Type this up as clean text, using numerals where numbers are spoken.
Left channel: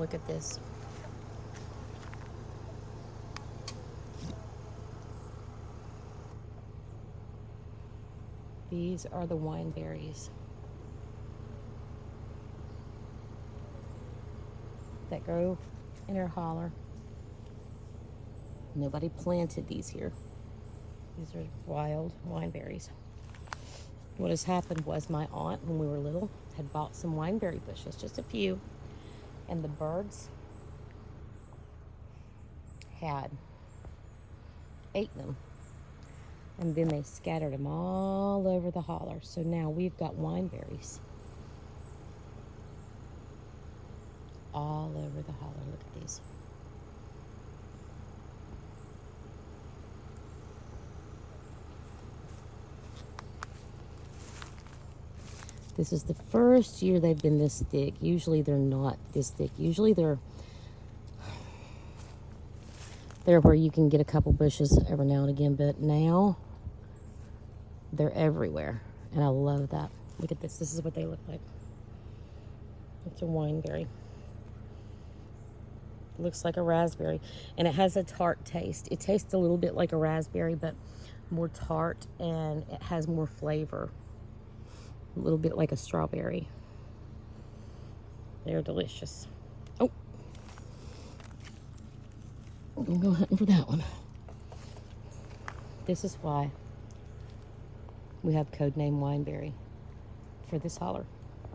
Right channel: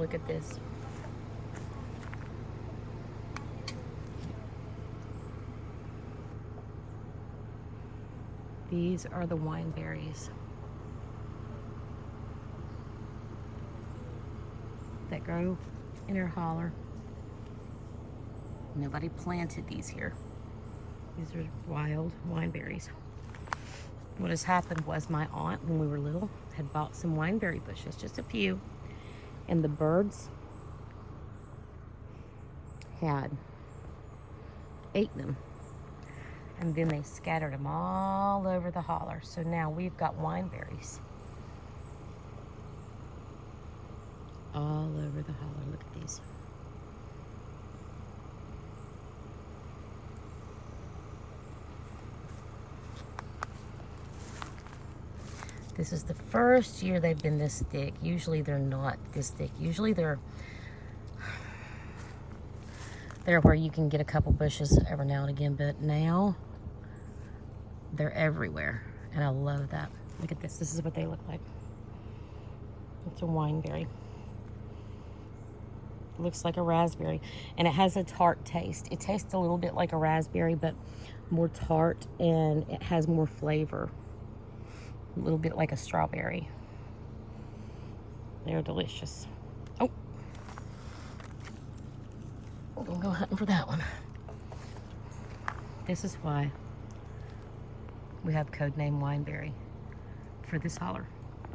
Look at this. These are the wineberries that grow in our holler. Nobody planted these here. These are wild wineberries. What has happened was my aunt, when we were little, had bought some wineberry bushes, just a few, and the birds had ate them. And then they scattered them all over the holler. So now we've got wineberries all over the holler. Look at these. This is the first year they've been this thick. Usually they're not this thick. Usually they're where you can get a couple bushes every now and again, but now they're everywhere, and I love that. Look at this. This is what they look like. It's a wineberry. It looks like a raspberry, and it has a tart taste. It tastes a little bit like a raspberry, but more tart, and it has more flavor. A little bit like a strawberry. They're delicious. Oh, I'm gonna go hunting for that one. This is why we have code name Wineberry for this holler.